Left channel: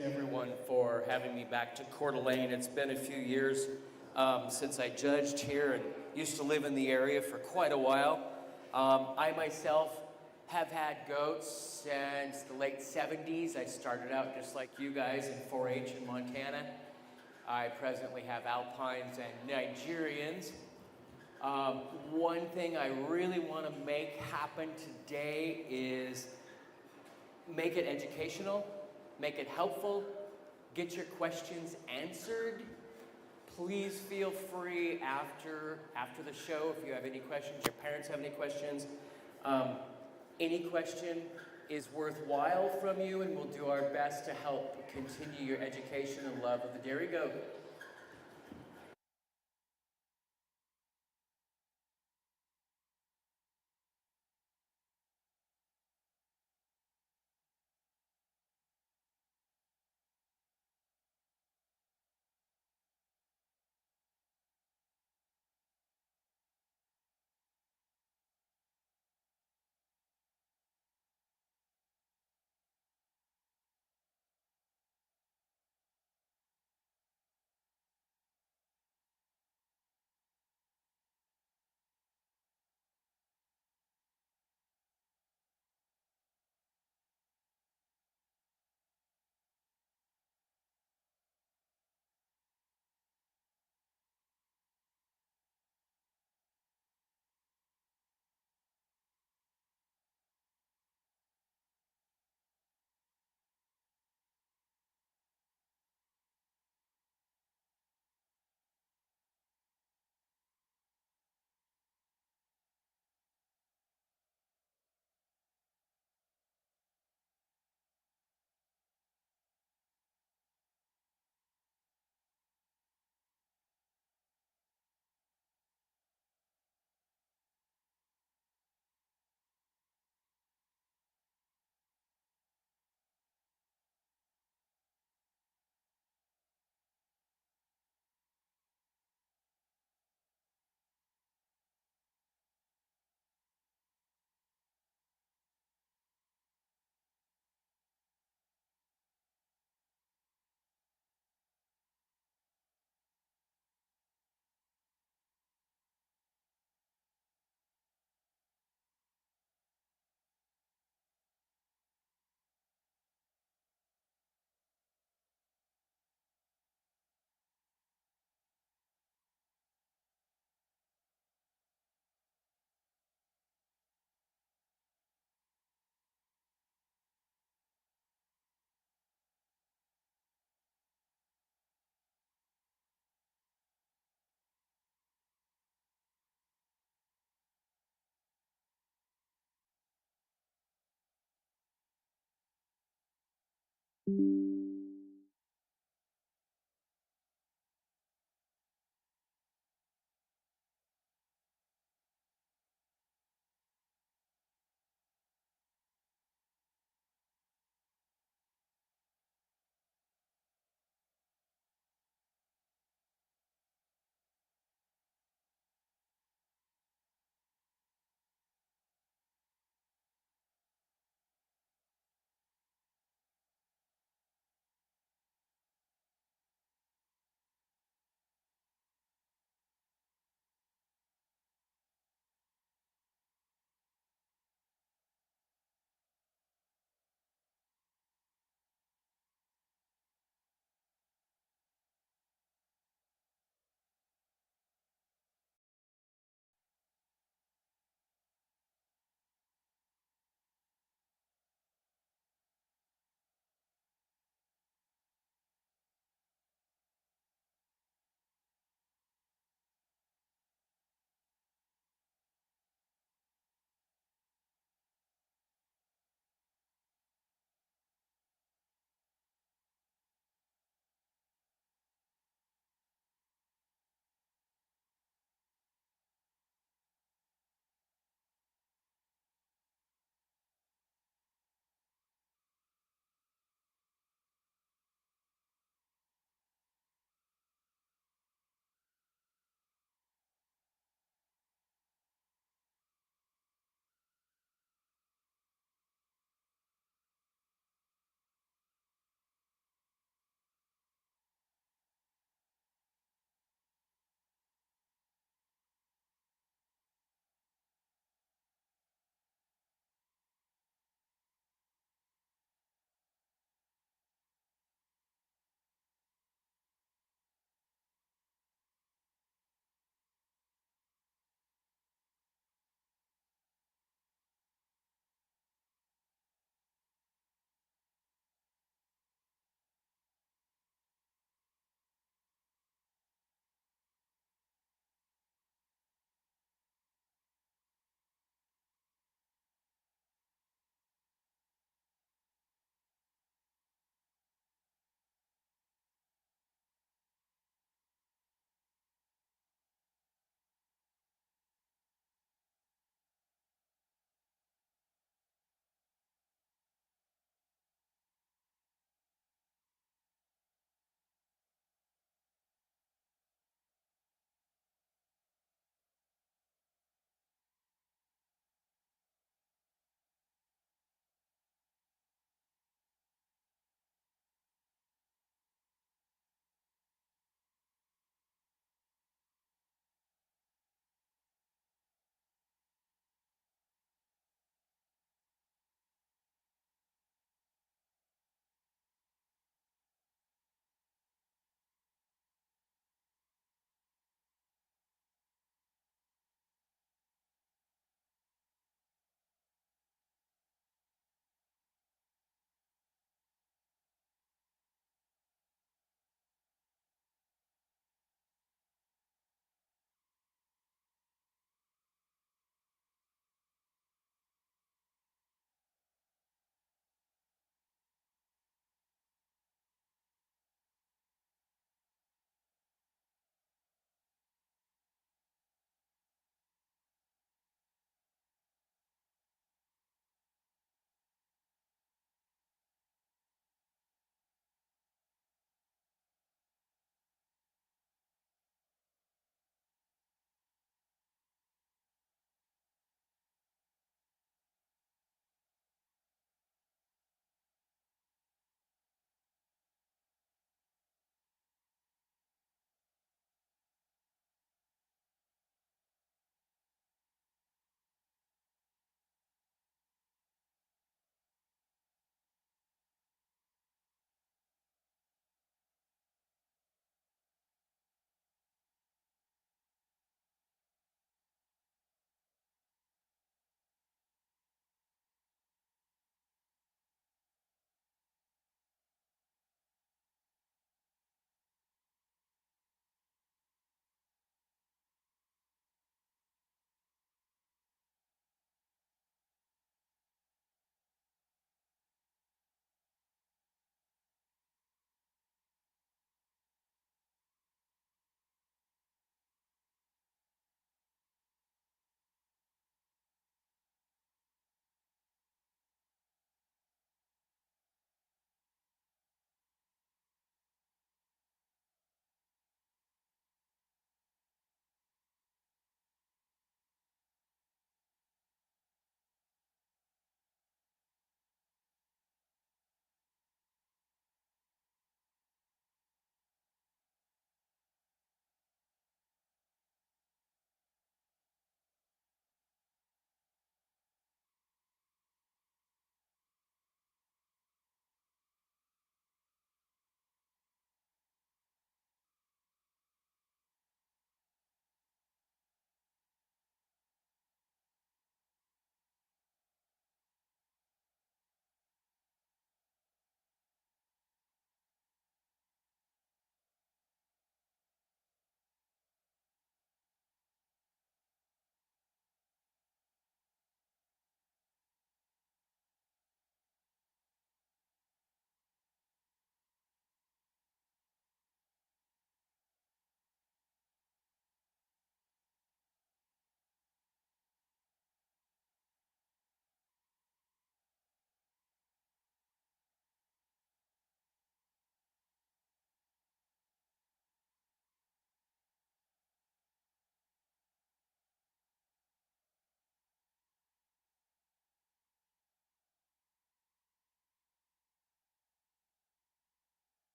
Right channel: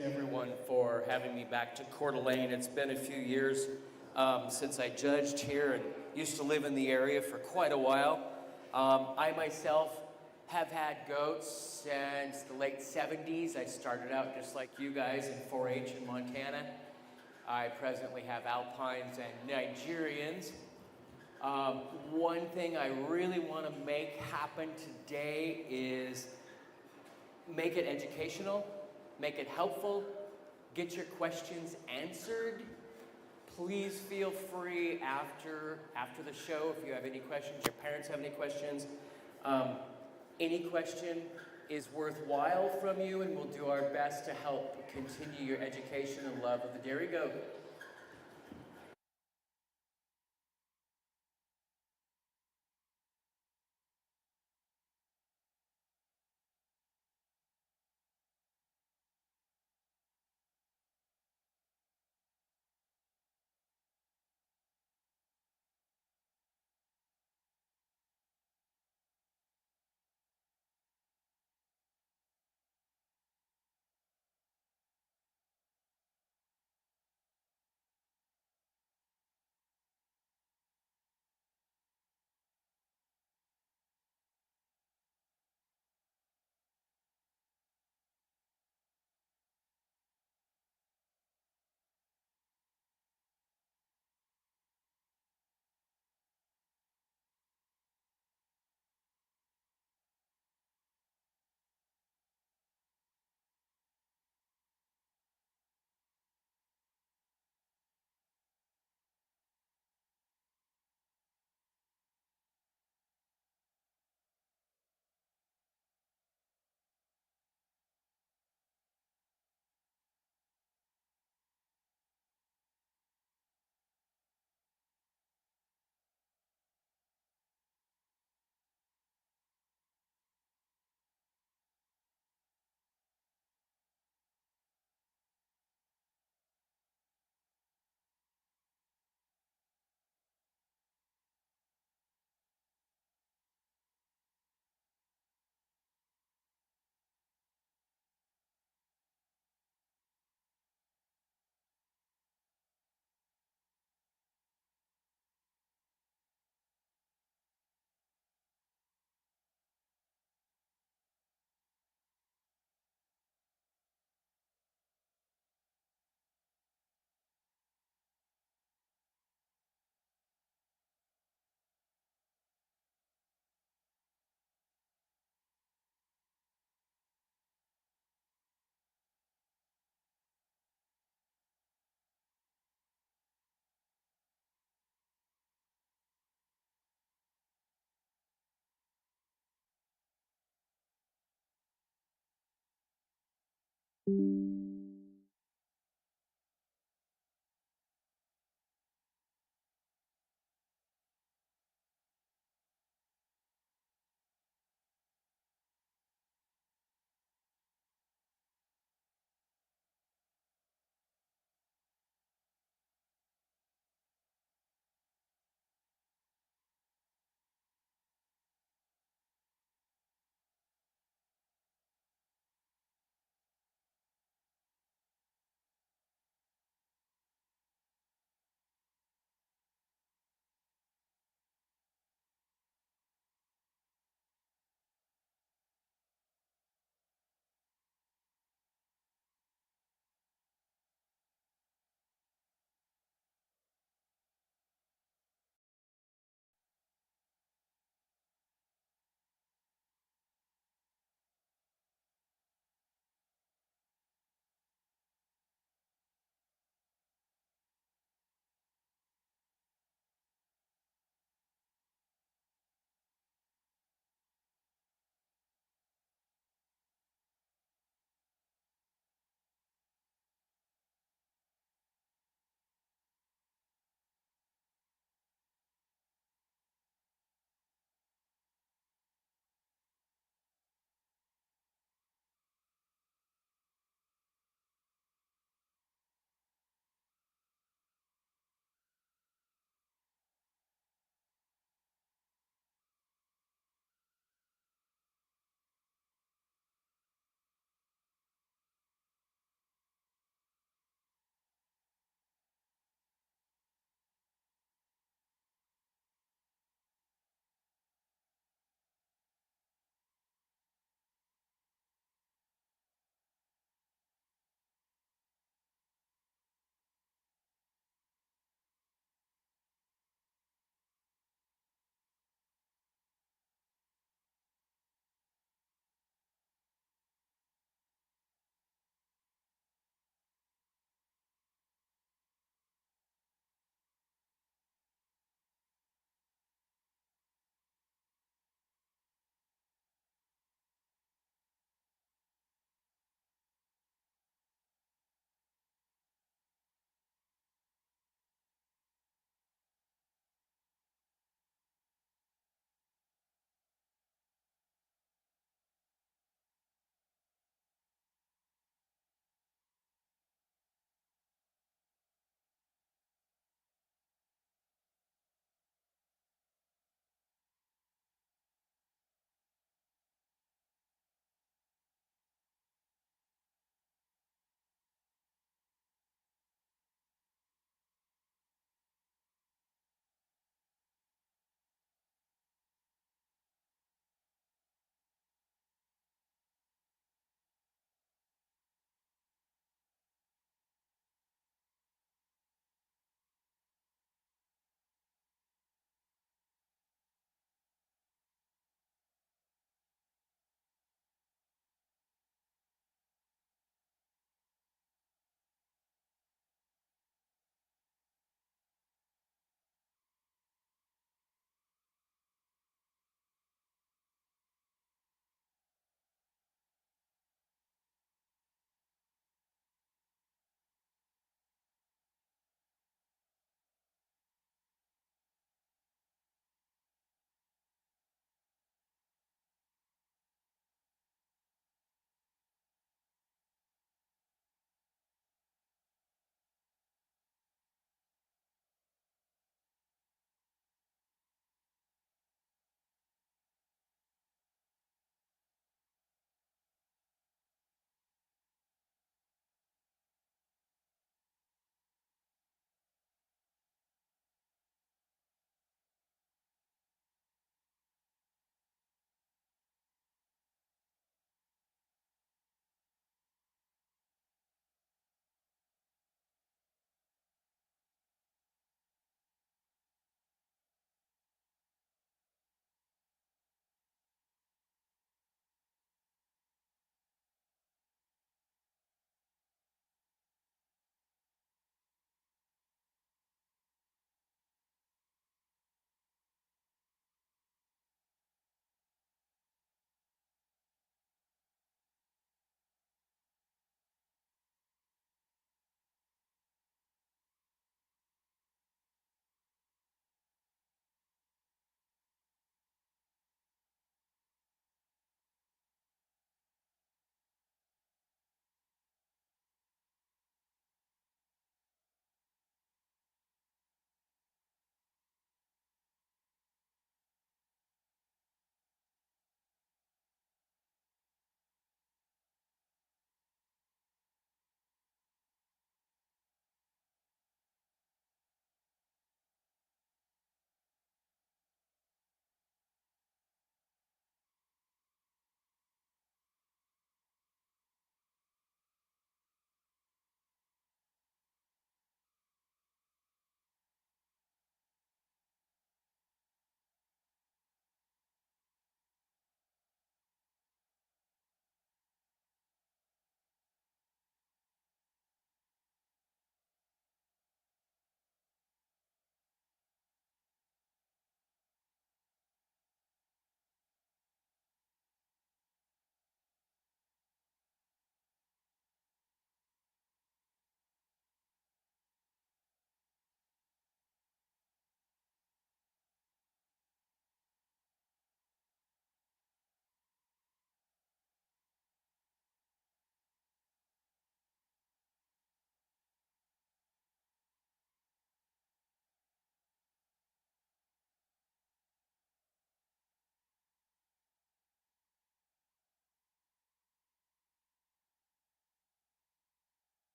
Everyone for having me back to Coeur d'Alene. It's been a few years since I judged here and used to live in the area for quite a while. I myself have had goats since the late 70s. I started out just like you guys in 4-H in Montana. I presently have Alpines and Nigerians. One thing I really want to make happen today is make it educational. Make it helpful, get your questions answered. Please feel free after the show if you have any questions, your parents have any questions. Any question is worthwhile from you, and we'll do our best to help continue your education and love of the dairy goat.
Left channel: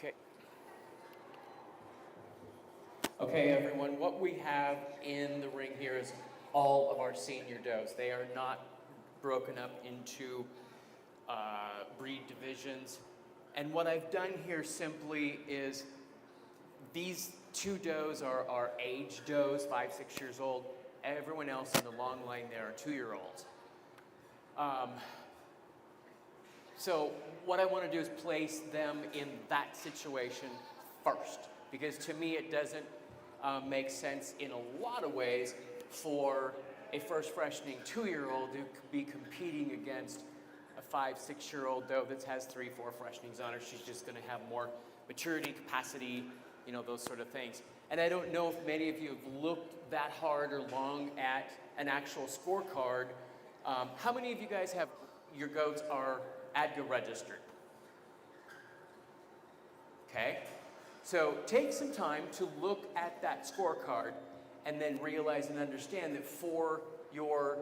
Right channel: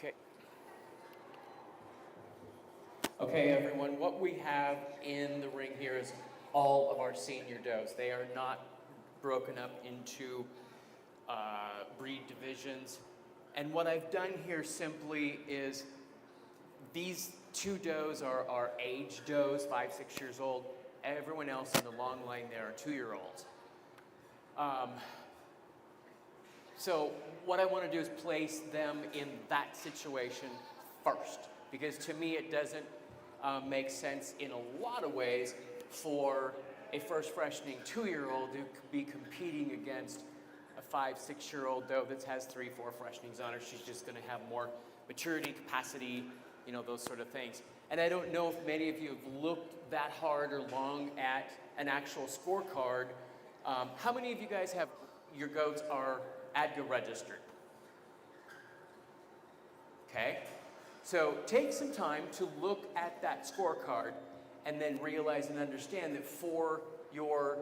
Okay. Okay, everyone, what we have in the ring here is all of our senior does. They are not broken up into breed divisions. And what I've done here simply is these two does are our age does, 5, 6 years old. Everyone else in the long line there are 2-year-olds. So what I want to do is place them in that situation first, because to me it doesn't make sense in a lot of ways for a first freshening 2-year-old to be competing against a 5, 6-year-old doe that has 3, 4 freshenings on her. She's just going to have more maturity, capacity, you know, those sort of things. And I don't know if many of you have looked that hard or long at an actual scorecard. How many of you guys have, your goats are ADGA registered? Okay, so take some time to look at that scorecard and then realize and understand that for your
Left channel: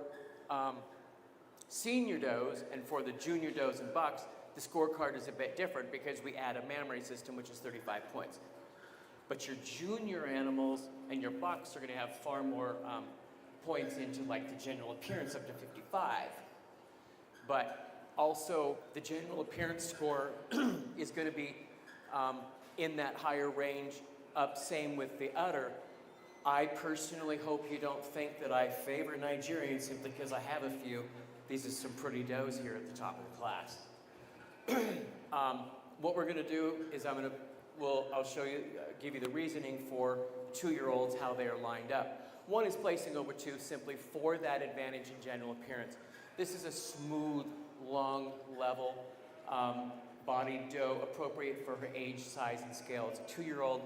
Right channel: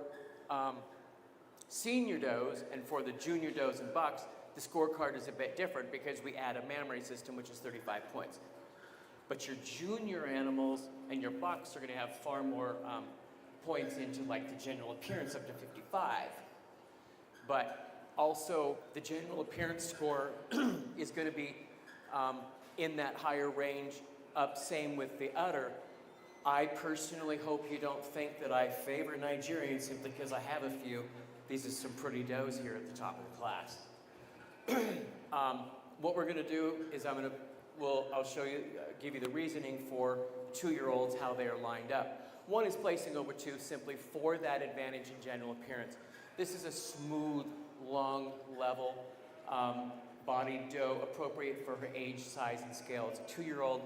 senior does and for the junior does and bucks, the scorecard is a bit different because we add a mammary system, which is 35 points. But your junior animals and your bucks are going to have far more points into like the general appearance, up to 55. But also the general appearance score is going to be in that higher range, up same with the udder. I personally hope you don't think that I favor Nigerians simply because I have a few. These are some pretty does here at the top of the class. What we're going to do is I'll show you, give you the reasoning for 2-year-olds, how they are lined up. One is placing over 2 simply for that advantage in general appearance. This is a smooth, long, level body doe, appropriate for her age, size, and scale. It's a 2-year-old,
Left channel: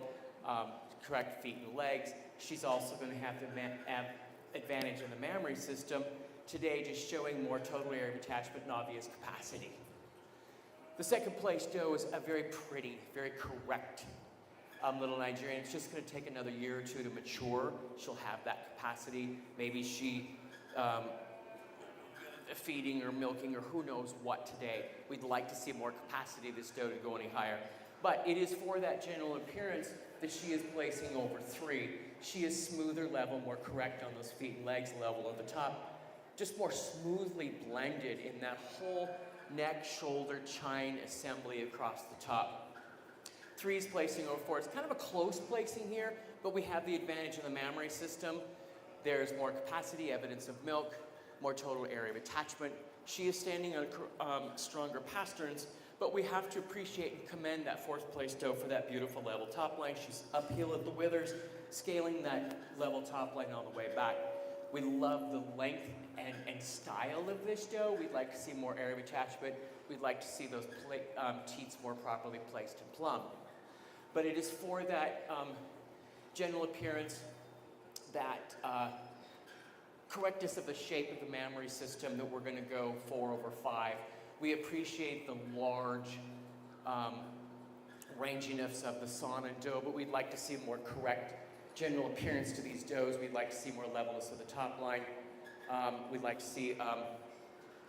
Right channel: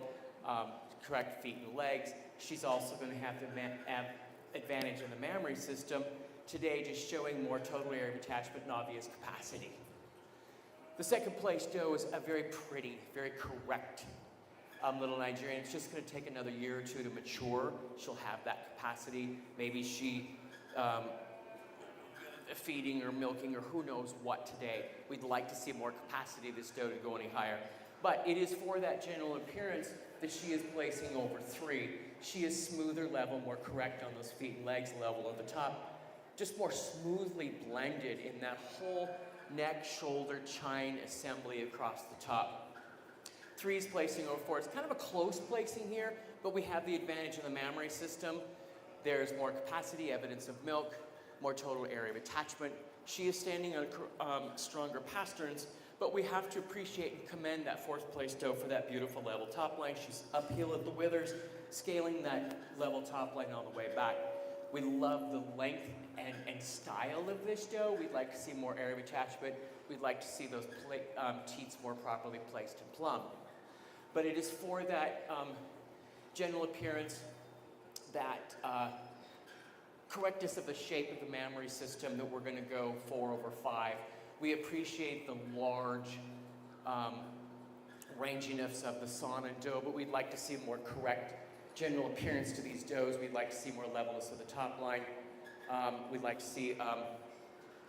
correct feet and legs. She's also going to have the advantage in the mammary system. Today, just showing more total area of attachment and obvious capacity. The second place doe is a very pretty, very correct little Nigerian. It's just going to take another year or 2 to mature. She'll have that capacity. Maybe she feeding or milking or who knows what today. We'd like to see more capacity of this doe to go any higher. But it is for that general appearance that she is placing over 3. She is smoother level, more correct on those feet and legs level at the top. Just more smoothly blended in that whole neck, shoulder, chine assembly across the top. 3 is placing over 4. It's kind of a close placing here, but we have the advantage of the mammary system. There's more capacity, evidence of milk, more total area of attachment. She is standing on stronger pasterns, but we have to appreciate and commend that 4th place doe for that beautiful level top line. She's uphill at the withers, scaling that level top line all the way back. We love the length and style of this doe. We'd like to see more area of attachment. We'd like to see those teats more properly placed and plumb. But it is for that general appearance, that correctness of the shape of the mammary system that we're going to go 4 over 5. We appreciate the large ranginess of the son and doe, but we'd like to see more correct general appearance to these does. We'd like to see more levelness of the top line. We'd like to see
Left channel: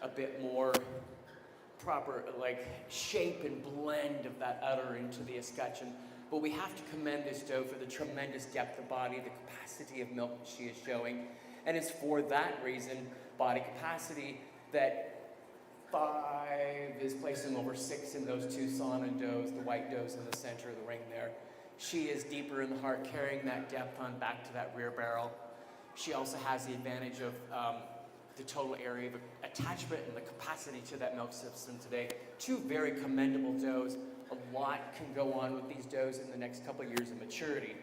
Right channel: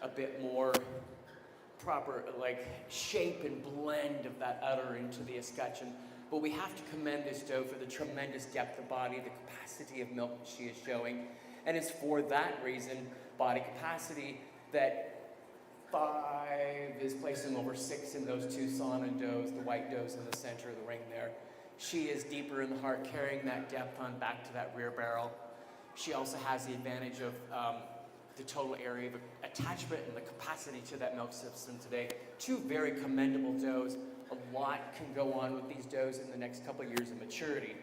a bit more proper like shape and blend of that udder into the escutcheon. But we have to commend this doe for the tremendous depth of body, the capacity of milk that she is showing. And it's for that reason, body capacity, that 5 is placing over 6 in those 2 Sana does, the white does in the center of the ring there. She is deeper in the heart, carrying that depth on back to that rear barrel. She also has the advantage of the total area of attachment and the capacity to that milk system today. 2 very commendable does. A lot can go on with these does in the next couple of years of maturity.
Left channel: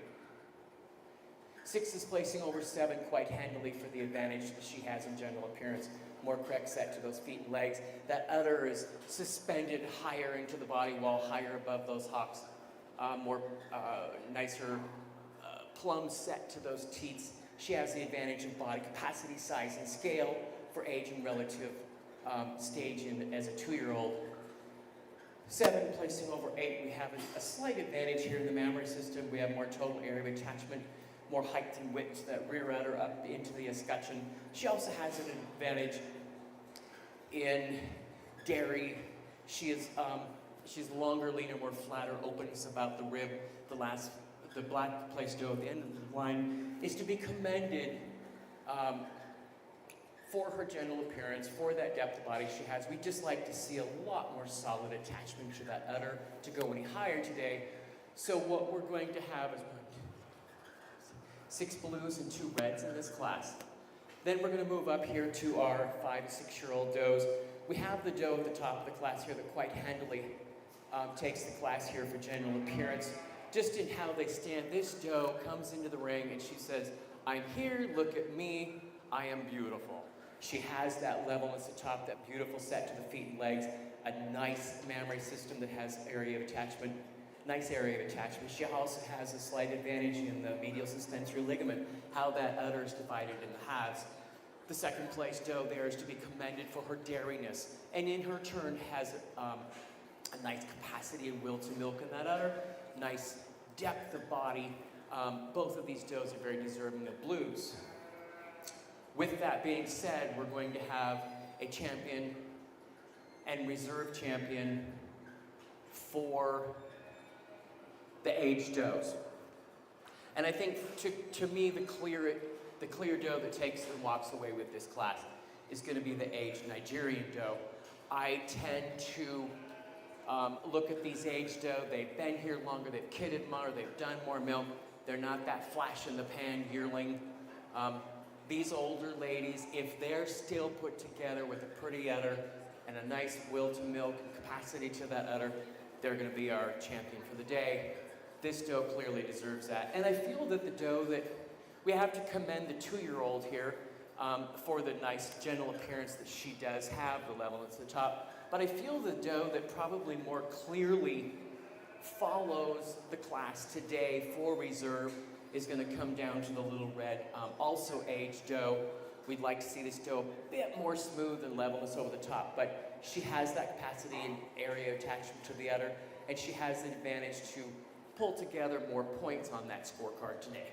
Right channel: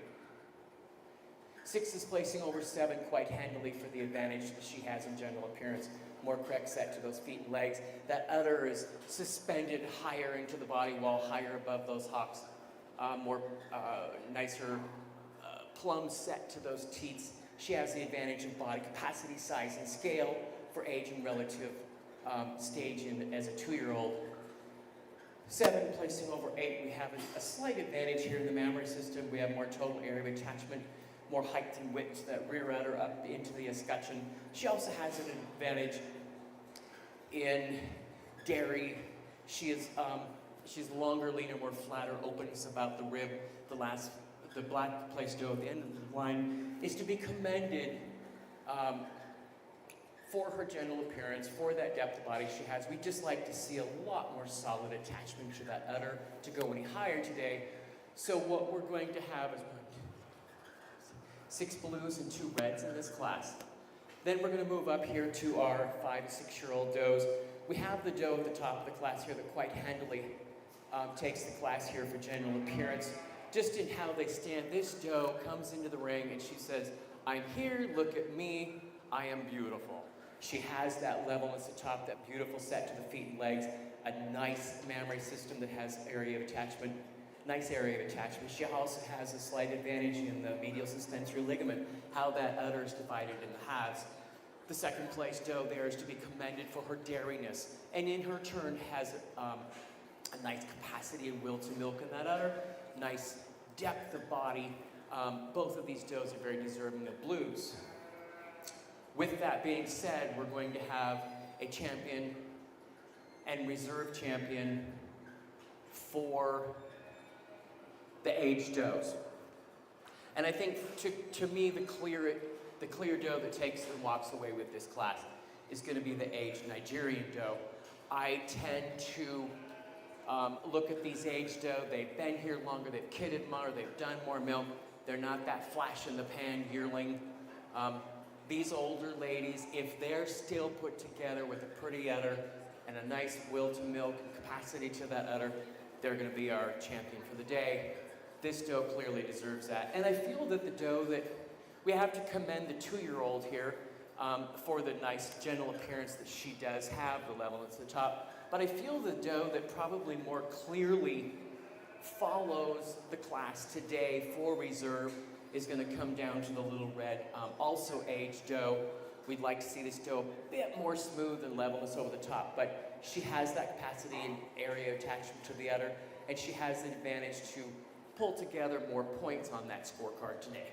6 is placing over 7 quite handily for the advantage that she has in general appearance. More correct set to those feet and legs. That udder is suspended higher into the body wall, higher above those hocks. More nicer plumb set to those teats. She has the advantage of body capacity, size, and scale for age and relative stage as a 2-year-old. 7 placing over 8, we have a slight advantage here in the mammary system. We have more total area of attachment, more height and width to that rear udder up into the escutcheon. She also has an advantage in dairy. She She's longer, leaner, more flatter, openness about the rib. The black place dough at the end of the line is to be commended for her general appearance, for that depth of body she has. We'd just like to see a lot more solid attachment to that udder to go any higher today. So what we're going to have is 6 blues and 2 reds in this class. Then we're going to move up here to our 5 to 6-year-old does. We have the doe at the top of the class here that quite handily takes the class here for general appearance. Just in how they stand, this doe comes into the ring and she says, "I'm here, look at me, I am beautiful." She has that levelness at the top, that beautiful set to the feet and legs, a nice mammary system that has area of attachment, nice area of attachment. She also has a slight advantage in the medial suspensory ligament, how that udder is divided in the halves. The second place doe there is to be commended for her dariness, and in her turn has a nice capacity and will to milk in that udder, nice depth of body. Both of these does are very deserving of blues. With that being said, we're going to have a champion and reserve champion for the aged does. And I think to me the clear doe that takes and walks away with this class is going to be the aged Nigerian doe. I tend to look at these aged doe. They've been here longer, they've kidded more, they've done more milk. They're not that flash in the pan yearling. These older ladies, if they're still put together with a pretty udder and a nice will to milk and capacity to that udder, they're going to be our champion for the day. This doe clearly deserves that. And I feel that the doe that we have to commend the 2-year-old here for the nice general appearance that she does have, the level at the top. But I feel the doe that probably more clearly follows the class today for reserve is going to come down to the little red, also aged doe. We'd like to see this doe a bit more smooth and levelness over the top, but she has that capacity and area attachment to the udder, and she has the advantage to pull together more points on that scorecard today.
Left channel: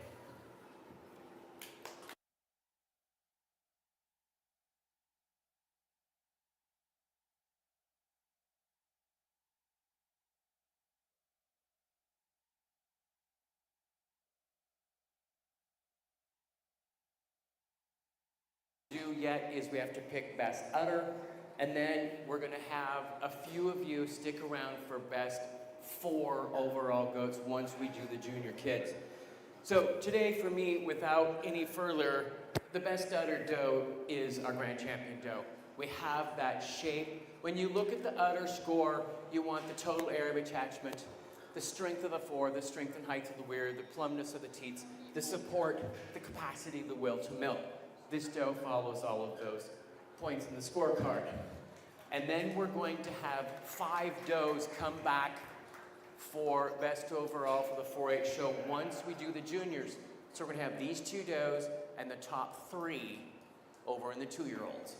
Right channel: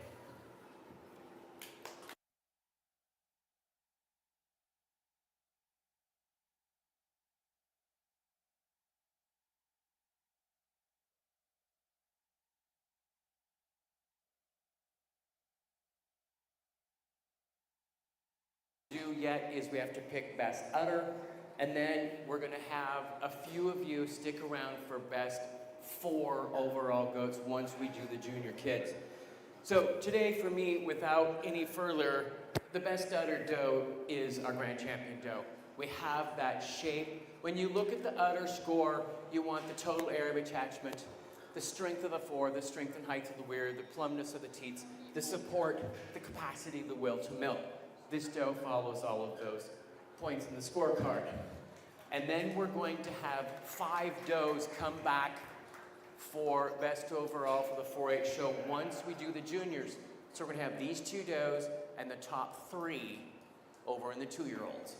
Yet is we have to pick best udder, and then we're going to have a few of you stick around for best 4 overall goats once we do the junior kids. So today for me, without any further, the best udder doe is our grand champion doe. We have that shape. When you look at the udder score, you want the total area of attachment, the strength of the fore, the strength and height of the weir, the plumpness of the teats, the support, the capacity of the will to milk. This doe follows all of those points in the scorecard. And then we're going to have 5 does come back for best overall for the 4-H show once we do the juniors. So we're going to have these 2 does and the top 3 over in the 2-year-olds.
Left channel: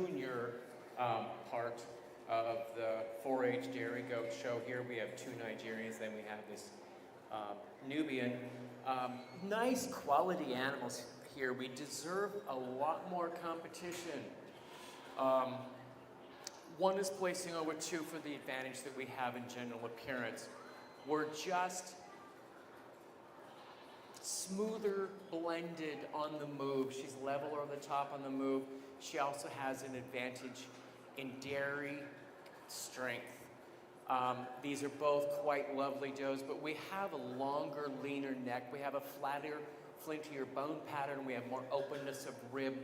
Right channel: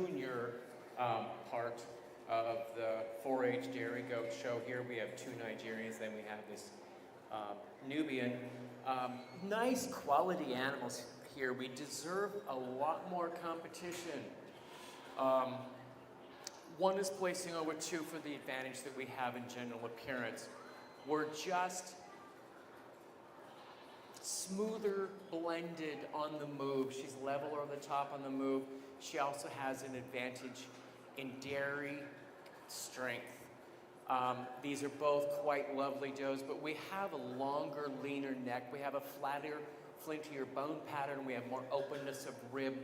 Junior part of the 4-H dairy goat show. Here we have two Nigerians, then we have this Nubian. Nice quality animals here. We deserve a lot more competition. One is placing over 2 for the advantage that we have in general appearance. We're just smoother blended on the move. She's level over the top on the move. She also has an advantage in dairy strength. These are both quite lovely does, but we have a longer, leaner neck. We have a flatter, flintier bone pattern. We have more openness of rib,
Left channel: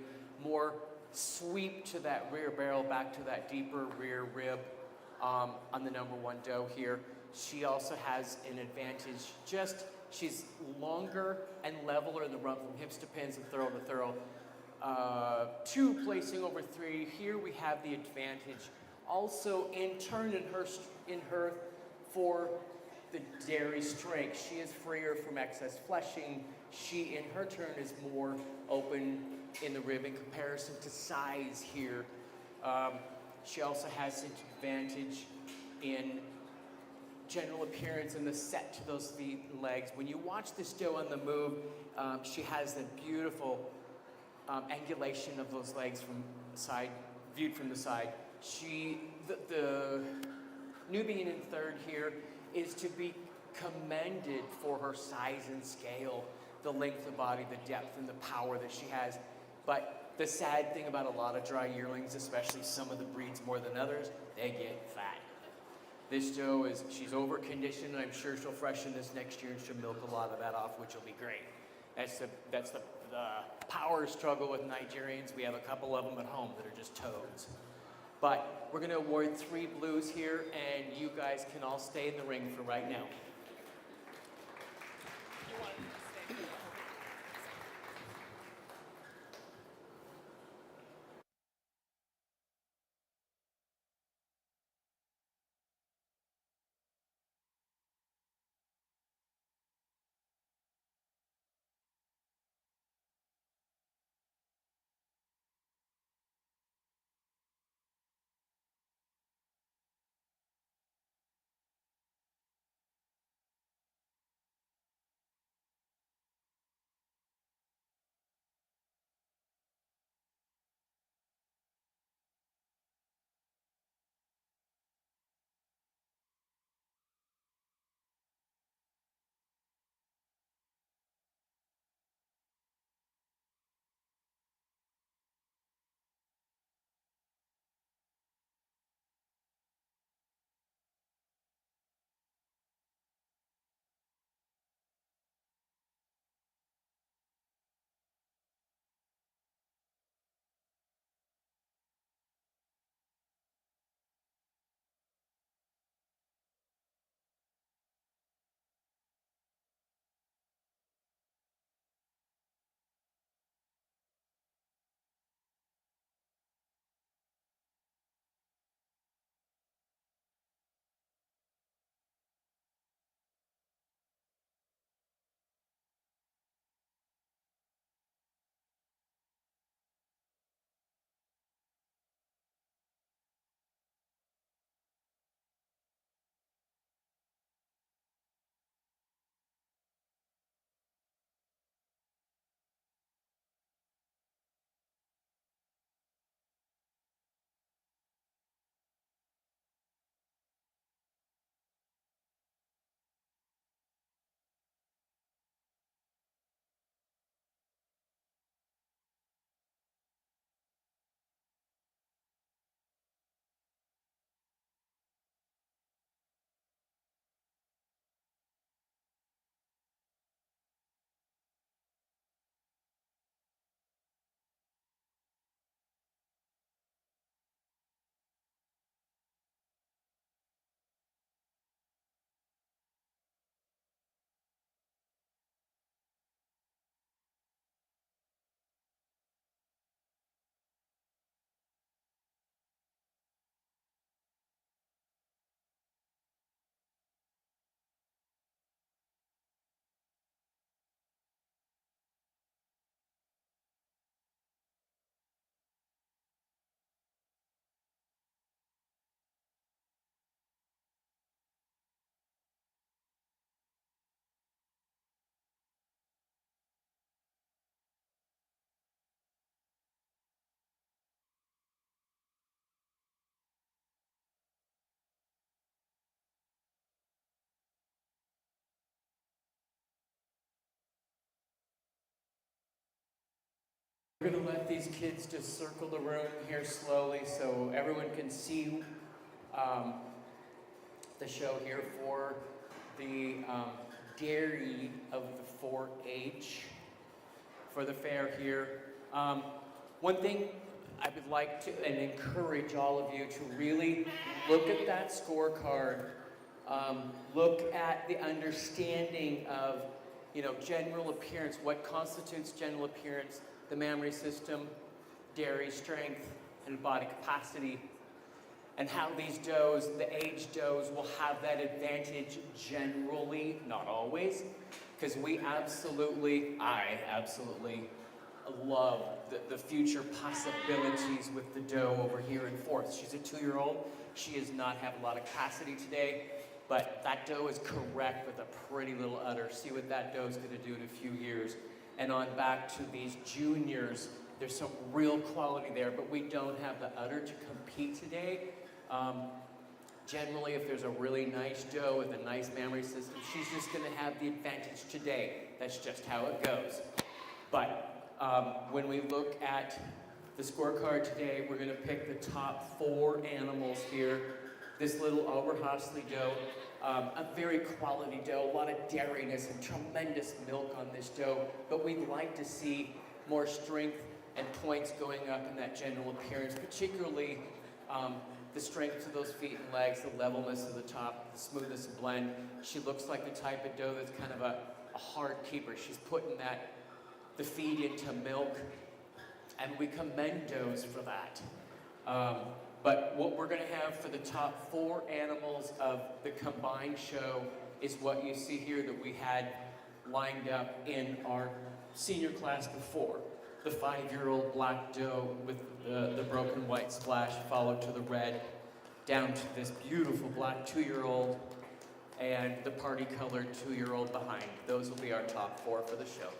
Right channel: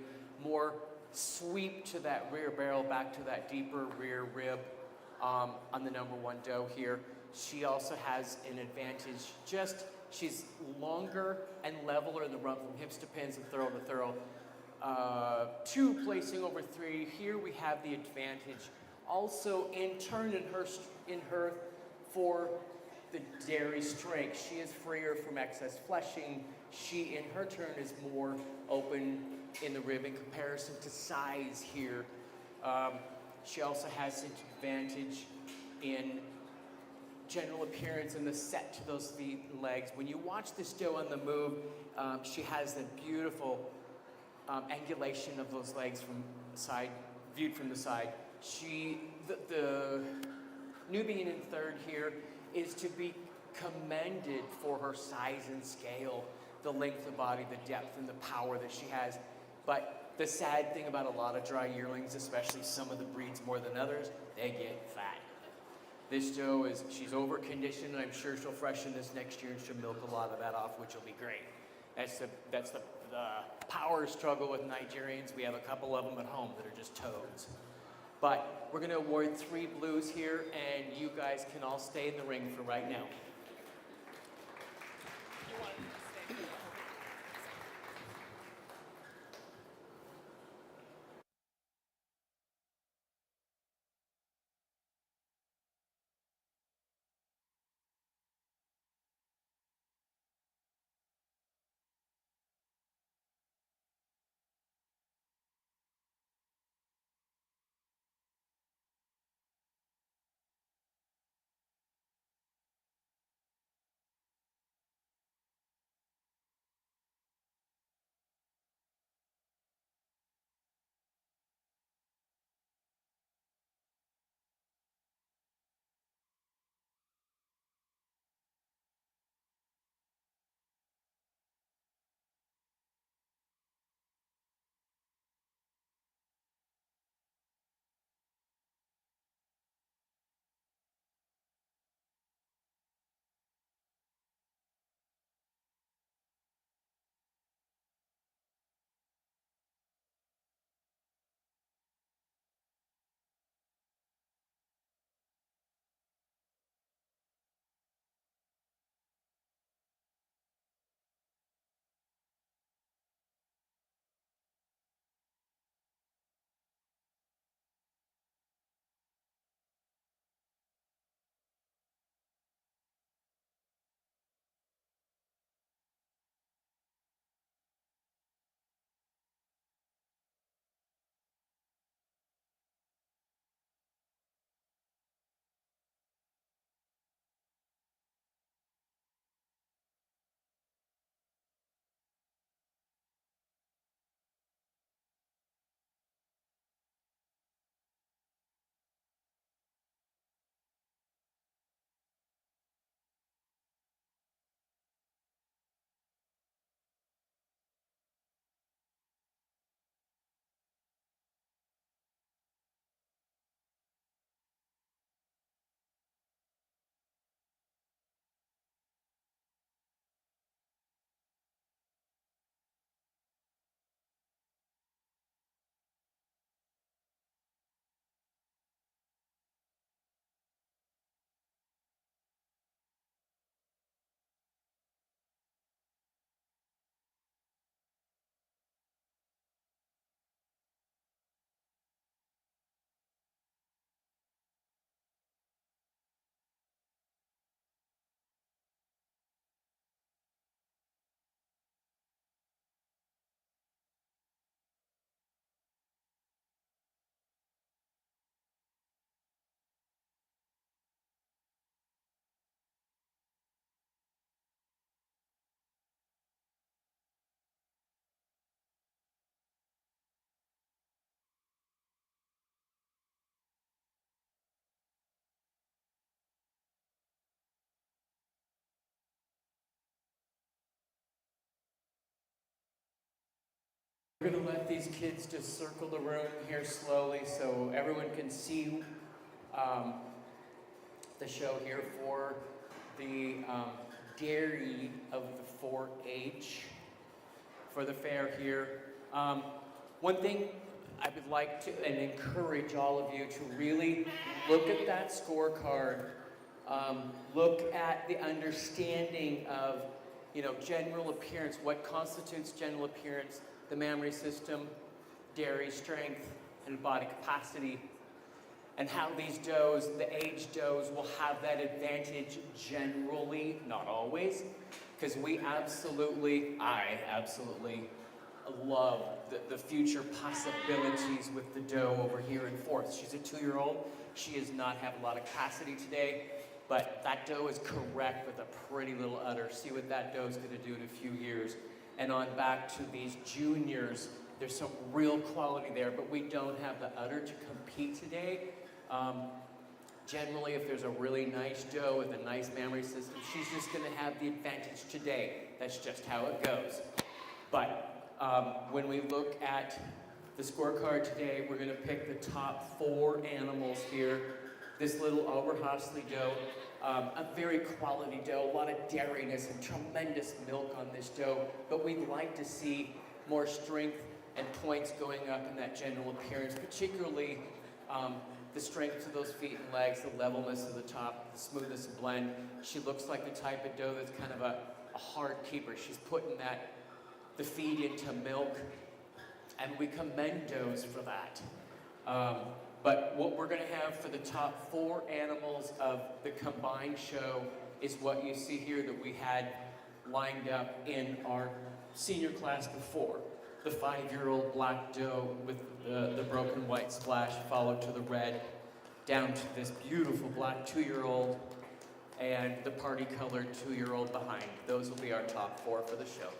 more sweep to that rear barrel, back to that deeper rear rib on the number 1 doe here. She also has an advantage, she's longer and leveler in the rump from hips to pins and thorough to thorough. 2 placing over 3. Here we have the advantage. Also in turn in her for the dairy strength. She is freer from excess fleshing. She in her turn is more open in the rib in comparison to size here. She also has an advantage in general appearance and the set to those feet and legs. When you watch this doe on the move, she has the beautiful angulation of those legs from side, viewed from the side. The Nubian in third here is to be commended for her size and scale, the length of body, the depth, and the power that she has. But the sad thing about a lot of dry yearlings, especially some of the breeds more than others, they get fat. This doe she's over conditioned, and I'm sure she'll freshen this next year and she'll milk a lot of that off, which will be great. That's the power struggle with Nigerians. We have a couple of them at home that are just toads. But we're going to award 3 blues here, and you guys can all stay in the ring for right now. We're going to let these kids just circle the room here slowly so everyone can see the show here for the dairy of the 4-H for the fair here. One thing I would like to and encourage all of you to really look at that scorecard. Look at the understanding of, general appearance, what constitutes general appearance, the mammary system, dairy strength, and body capacity, and how these does, the age does, will have that advantage generally, not always, because I absolutely love the future possibilities with the doe over here in 4th. She's a 2-year-old. She does not have a lot of capacity today, but that doe is correct with a pretty little udder. See what that doe is going to do in a few years. And on back to these juniors, there's some real quality there, but we don't have the udder to compete today. Generally, if there's a really nice doe with a nice mammary system, she's just going to have the advantage today. That's just how it goes. But when we look at the scorecard today, we're going to pick the top 4 animals here. This little Oberhasli doe A very quality dough, a lot of dairiness and tremendous milk on this dough, but we'd like to see more strength and points going up in that general appearance, particularly the strength to those feet and legs, the levelness of the top, the smoothness of blend. She looks like the type of dough that's kind of a hard keeper. She's putting the feed into milk, and we commend doughs for that. But what we're going to have for the top 4 animals of the combined show is what you see here that we had lined up in our senior class before. The 5-year-old black doe with the broken white splash followed to the red, down to this beautiful black 2-year-old and the party colored 2-year-old behind. Those will be our top 4 for the show.